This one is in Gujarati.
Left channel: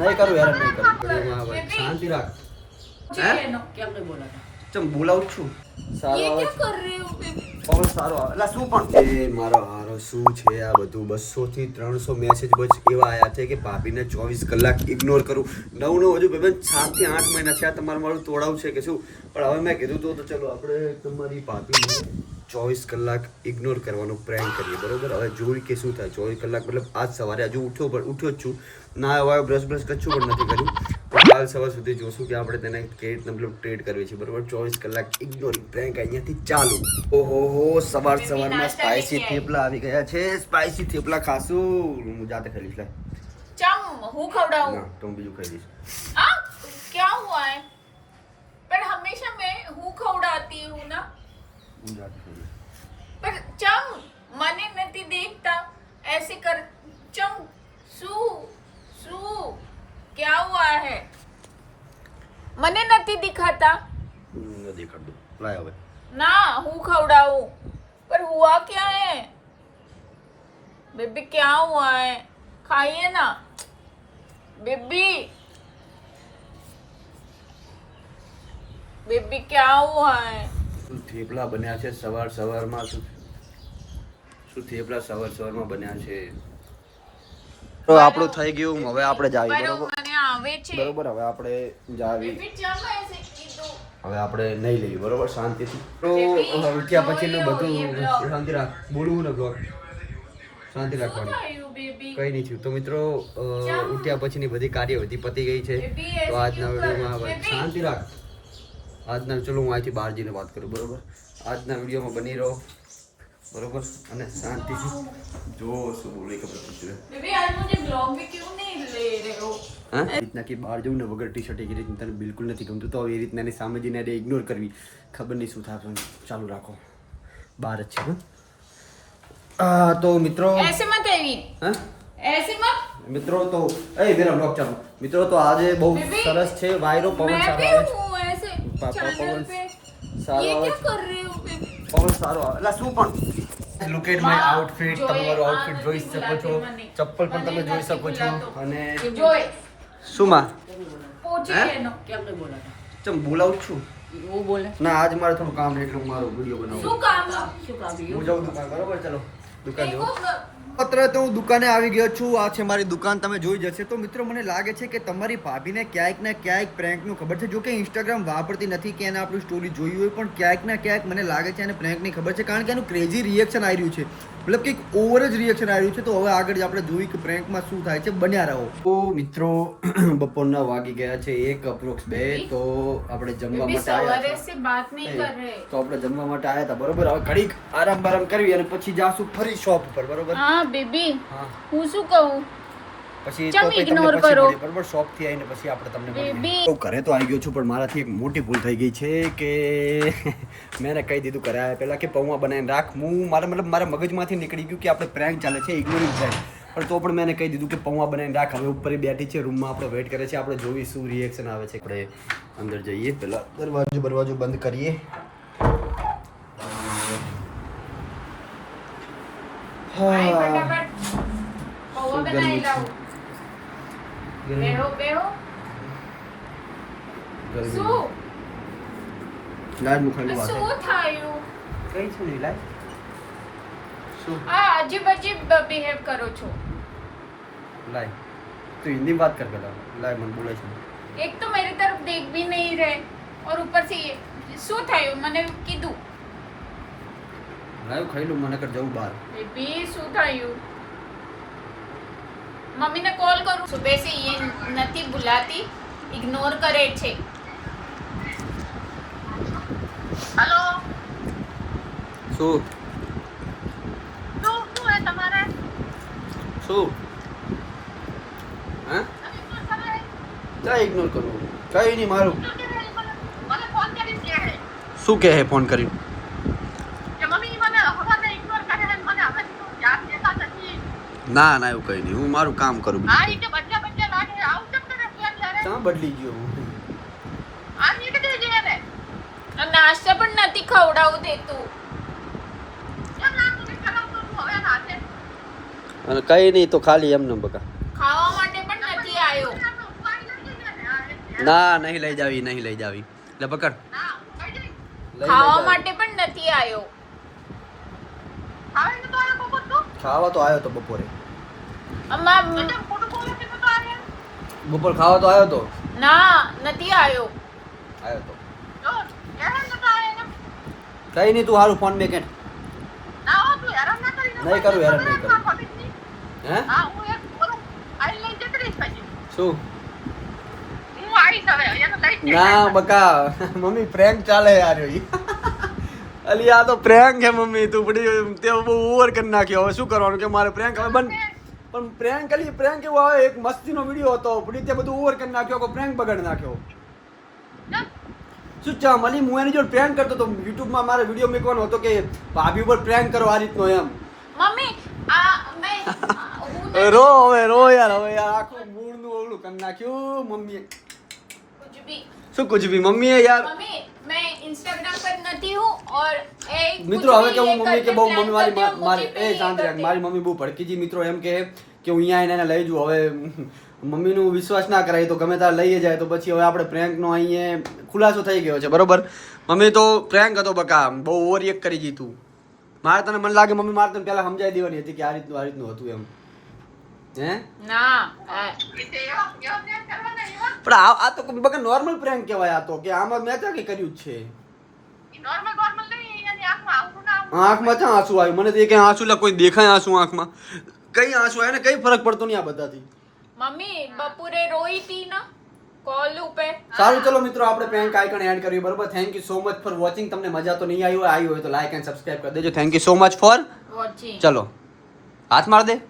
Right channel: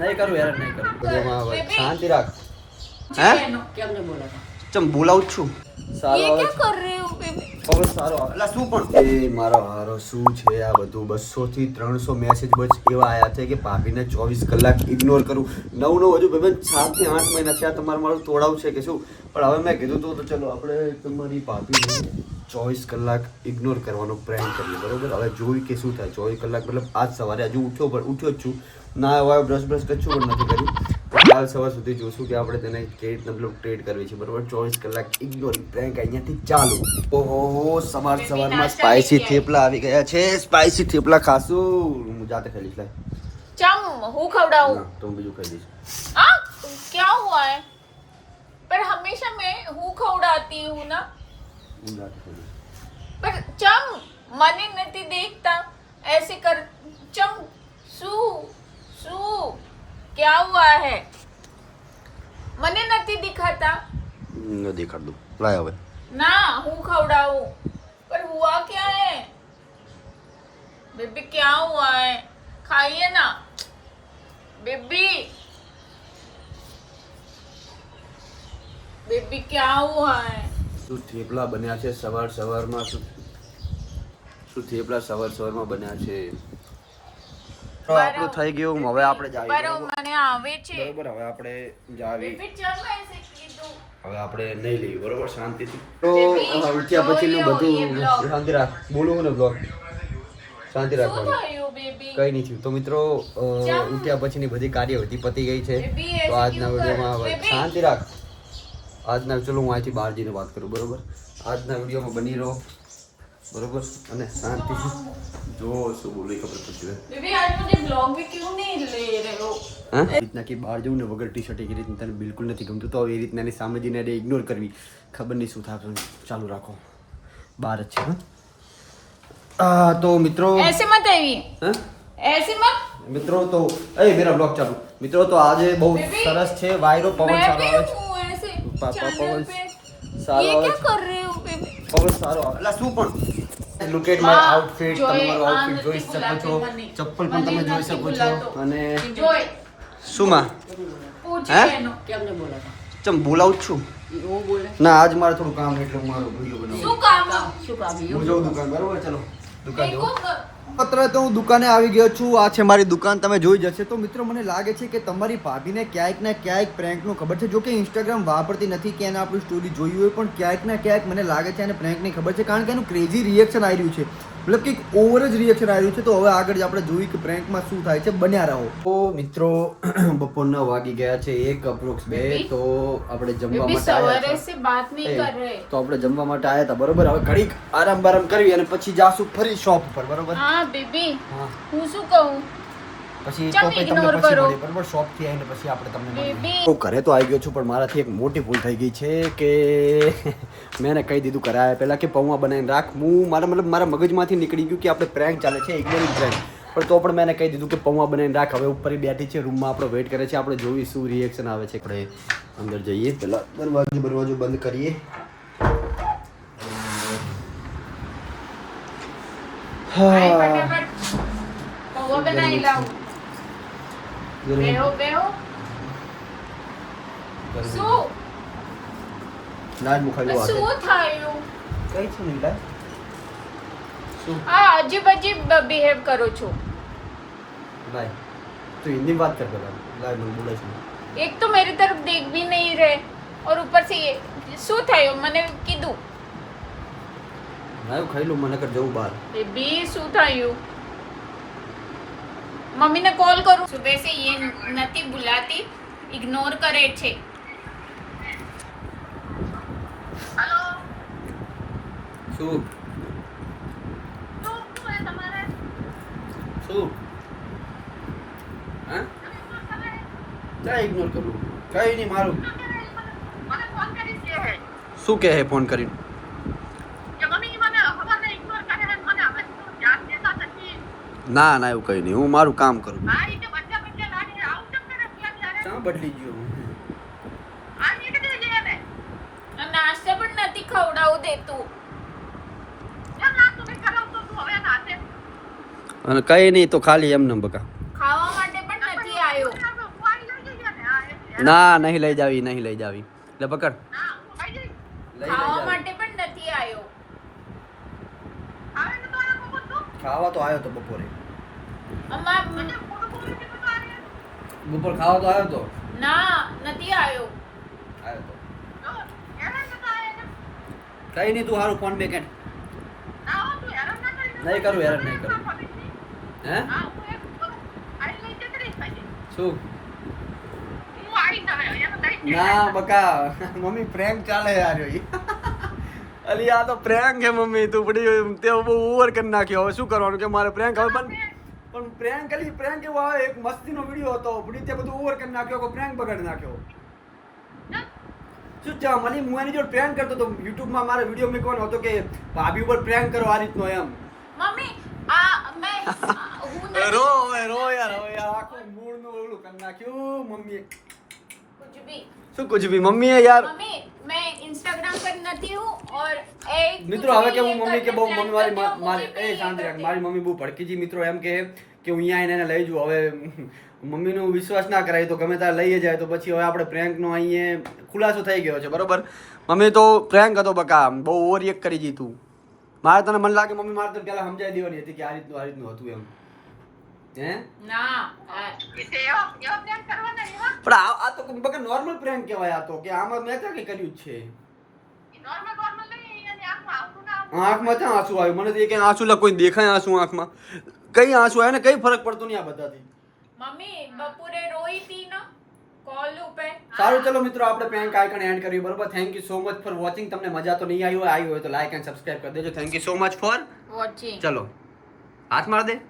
નહીં કરું યાર, નહીં કરું વિડીયોમાં આવે. શાંતિ રાખ. હે કેમ નહીં બોલાતા? ચમ બોલાવું છું. સારો ये આવે क्या कर रहे हो बेबी? પવન સારો આવે. એટલે શું પણ એ મારો હારો શું છે આ બધું 200 થી 300 મેસેજ બસ એવા આયા છે કે ભાભીને 24 કલાક ઇગ્નોર કરું. નવ હજુ ભાઈ 7 થી 8 મહિના થયા તમારે મારું તોડાવું છે કે શું? પણ હવે મેં કીધું તો ચલો આપણે તમારી ભાભીને 24 કલાક ઇગ્નોર કરવાનો પ્રયાસ કરીએ, બરોબર? હવે જોઈ કે શું થાય. 24 કલાક મતલબ આજ સવારે હજુ ઉઠ્યો જ છું, ના હવે બ્રશ કચ્છું પણ નથી કર્યું. તો કાલ સવાર સુધી જોશું કે આપણે તેને કેવી રીતના મતલબ ટ્રેડ કરવી છે, બરોબર? 24 કલાક ઇગ્નોરિંગ પ્રેન્ક અહીંયાથી ચાલુ. ઓહો સવારમાં સ્પાઇસી થેપલા આવી ગયા છે. સ્પાઇસી થેપલા ખાશું. હું જાતે ખાઈ લઈશ. चम हूँ खवड़ाऊँ ના તો હું બીજું ખાઈ લઈશ. हाँ क्या हुआ है? पर हमेशा मैं हूँ खवड़ाती हूँ ना. હું જાતે ખાઈ લઈશ. पर चम મને નથી દેખતા ऐसे कर. चम सू क्या हुआ है? મને નથી दिखाता ન દેખાડ દઉં. લાય હવે. ना हूँ खवड़ाऊँ. पर हुआ क्या है बेबी? क्या हुआ है? खाइए ना बेबी. बेबी क्या हुआ है? શું થેપલા બન્યા છે સવારમાં? શું થેપલા સવારમાં બન્યા છે? તો આપણું થઈ ગયું. હવે આપણે જાવી, બરોબર? મને આવે છે બરોબર. હવે આપણે જાવી. બેબી ચમ ऐसे કીધું. હવે આપણે નહીં લઈએ, બરોબર? શાંતિથી. તો ઉઠ્યા પછીનું બધું શાંતિ રાખ. બોલું ને બ્લોગ શાંતિ રાખવાની. થયું બેબી? કઈ નહીં થયું. તો મિત્રો ઉઠ્યા પછીની બધી કાર્યવિધિ પતી ગઈ છે. તો આજના વિડીયોમાં હવે શાંતિ રાખ. આજના ચલો હું અહીંથી બહાર જઈને વાત કરું, બરોબર? આજના વિડીયોમાં બની રહો, બરોબર? અને શાંતિથી જો શું બોલે ખબર પડતી રહે. बेबी आज मुझे ब्लॉग में क्यों नहीं ले रहे हो? હા એ રીતના કે બહાર જવું ને વગર ટી શર્ટ એ રીતના તને બિલકુલ નથી ગમતું, તો એ રીતના એની સામે જઈને એને ઇગ્નોર કરવી. ખબર નહીં શું થાય. ચાલુ રાખો, બહાર જ છે. હા તો મિત્રો ऐसे मत आइए. હા ऐसे मत. મિત્રો તો મેરા બ્લોગ ચાલુ. મિત્રો તો આજે બહુ સરસ છે. વાયરો પવન मैं સારો भी આવે છે. हूँ ऐसे પવન चैनल पे. સારો ये આવે क्या છે. कर रहे हो बेबी? પવન સારો આવે. એટલે શું પણ લુક એટ માય આઉટફિટ. તમે મારું આઉટફિટ જોઈ શકો છો. ચપ્પલ પણ તમે જોઈ શકો છો. અને જોઈ શું માં પૂછી હે? એનો. કેમ નહીં બોલાતા? ચમ બોલાવું જ છું. હું બોલે ના આજ મારે થોડું કામ છે એટલે હું મારો વિડીયો બનાવું. શું કામ? શું કામ હું જાઉં દુકાન, બરોબર? ચલો દુકાન देखो જાઉં. અત્યારે તો હું દુકાને આવી ગયો છું. આ છે મારી દુકાન, તમે જોઈ જશે. તો મિત્રો મને લાગે છે કે તમારી ભાભીને ક્યાંક ને ક્યાંક પ્રેન્કનું ખબર છે. જો કે ઇન્સ્ટાગ્રામ વાપરતી નથી કે એને આપણી સ્ટોરી જોઈ હોય, પણ ક્યાંક ને ક્યાંક મને લાગે છે એને પ્રેન્કની ખબર છે, કારણ કે એનું ક્રેઝી રિએક્શન આવી રહ્યું છે. મતલબ કે ઓવર જ રિએક્શન આવી રહ્યું છે. તો હવે આગળ આપણે જોઈ કે પ્રેન્કમાં શું થાય છે. બન્યા રહો. તો મિત્રો બપોરના વાગી ગયા છે 1 અપ્રોક્સ 2. તો આપણે જમવા માટે આવ્યા सवारे છીએ. से बात नहीं कर रहे. તો આપણે જમવા માટે આવ્યા હતા, બરોબર? હવે ઘડીક આરામ બારામ કરવી અને પછી જાશું ફરી શોપ ઉપર, બરોબર? हाँ बेबी હા હું શું કહું? પછી ચમ તો પછી તમને ignore પછી કરો. મળીએ, બરોબર? શોપ થી આવીને પછી આપણે તમને મળીએ. બેબી. તો ઘરે તો આવી ગયો છું, પણ મારાથી એક મોટી ભૂલ થઈ ગઈ છે કે મેં એને કહી દીધું ઘરે આવ્યા પહેલા કે પૌવા બનાવીને રાખ. મારા મગજમાંથી નીકળી ગયું કે આપણે પ્રેન્ક ચાલે છે, ઇગ્નોરિંગ પ્રેન્ક. પણ તો પણ મેં એને કહી દીધું કે પૌવા બનાવીને રાખ. હવે ઉપર બેઠી છે રૂમમાં, આપણે વેઇટ કરે છે. આપણે જોઈએ શું રિએક્શન આવે છે. આપણે અંદર જઈએ, પહેલા દરવાજો બંધ કરીએ. આય હા ફટાફટ પૌવા બનાવી લાવું. બેહો બેહો. શું લાજ મુખાઈ લો શું થયું? કઈ છે નહીં લાજ શું આ અજીબ અજીબ બિહેવ કરો છો. લાય તો हिंदी में बात कर પેલા લાય મને બોલાય છે. एक तो मेरी तरफ देख भी नहीं रहे और ऊपर से ये શું થયું? મને કીધું. લાય ખાઈ લો, મને કર જવું બહાર. બેબી શું થયું? મમ્મીને કોલ કરું. સુબહ से ये નથી बुलाती, इग्नोर કરે છે. હેલો શું શું હે તમારે? શું હા લા ઇગ્નોર કરું. કઈ નહીં મારું. મને ફોન કરી કે હે શું કહે ફોન કરી? કે મમ્મી મને હવાને ઇગ્નોર કરે હે, મને હવે યાદ દેતા નથી. ના ના એવું કઈ નહીં, હું મારું કામ કરું. આ રીતે બચ્ચા બચ્ચા લાગે આવું કેમ કરે છે યાર? ક્યાં બદલી ગયો હું? આ રીતે દે જે ને નાસ્તા પણ નથી ખવડાવું દેતું. કેમ ના તું ખવડાવતો તું હવે નાતે? અને કઈ નહીં તો ખાલી એમને બકા. ખાવા માટે પણ નથી આવ્યો. ના નહીં લઈ જાવી એટલે પકડ ના હું ખાઈ જઈશ. લઈ ખાવા જાવી. માટે પણ નથી આવ્યો. ખાવા તો આવ્યો બપોર તો. ખાવા તો આવ્યો તો બપોરે અમાર બધા ફોટો તો આવ્યો. બપોર ખાવા તો આવ્યો તો ના નથી આવ્યો. આવ્યો તો જો હેરાન નતો આવ્યો ને. કઈ નહીં તું હારું ફોન મેં કે ના હો, તું હેરાન ના કરી. નહીં કરું, હેરાન નહીં કરું. હે હા હું એક બોલું આઈ લઈ જકડીશ પછી. શું હું આવીશ હવે અહીંયા તો લઈ જ ના બકા મમ્મી પ્રેન્ક ચાલે યાર ઈ અલી આ તો પ્રેન્ક હે મમ્મી તું બડી તે બહુ ઓવર કરી નાખ્યો હવે શું કરવાનું કે મારે પ્રેન્ક હવે બંધ પણ પ્રેન્ક અલી પ્રેન્ક એવો આવે એક મસ્તીનો વિડિયો હતો બડી તે બધું ઓવર કરી નાખ્યો કે પ્રેન્ક બગાડી નાખ્યો શું ચા મલી હું એની જોડે પ્રેન્ક કરતો તો YouTube માં મારે વિડિયો મૂકવાનો હતો કે ભાભી ઉપર પ્રેન્ક કરો આ રીતનો એમ મમ્મી આ મેં હું નથી રો યાર આખું મૂળ નું ઓલું કરી નાખ્યું મમ્મીએ कुछ भी શું કુછ ભી મમ્મીએ યાર मम्मी मैं इंस्टाग्राम पर नहीं हूँ और एक મિત્રો હવે કે હું મમ્મી કે બહુ મમ્મી મારી करती हूँ, મારી कुछ भी એ શાંત રાખ करती મારી મમ્મી બહુ ભડકી જી મિત્રો એમ કે હું અહીંયા આવીને એને લઈ જઉં હવે મમ્મીનું વિશ્વાસ ના કરાય તો ગમે ત્યારે લઈ જાય તો પછી હવે આપણે પ્રેન્કનો અહીંયા ખુલાસો થઈ ગયો છે બરોબર મમ્મી તો પ્રેન્ક હતો બકા બહુ ઓવર રિએક્ટ કરી જી તું મારે તને મને લાગે મમ્મી મારે તને પહેલા સમજાવી દેવાની હતી કે આ રીતનું હતું એમ હે ना इसे यो प्लान करवाना ये પણ આ તો બકા નોર્મલ પ્રેન્ક કહેવાય આ તો કે આમાં મેં ક્યાં કંઈ કર્યું જ છે नॉर्मल नॉर्मल नहीं यानी आंखમાં આવું ના આંખમાં ક્યાં આંસુ આવ્યું મને તો એ કઈ આંસુ લા કોઈ દેખાય આંસુ આંખમાં કઈ આંસુ આવે ને કઈ ફરક પડતો નહીં આ બધાથી મમ્મી બપોરે રોઈ હતી ના કોલ ઉપર સારું ચલો મિત્રો આપણે પ્રેન્ક આઇકન એડ કર્યું બરોબર thank you so much for watching તમને મજા તો નહીં આવી હોય તો લાઈક એન્ડ સબસ્ક્રાઇબ કરી દેજો thank you so much for watching ચલો હાથ માર દે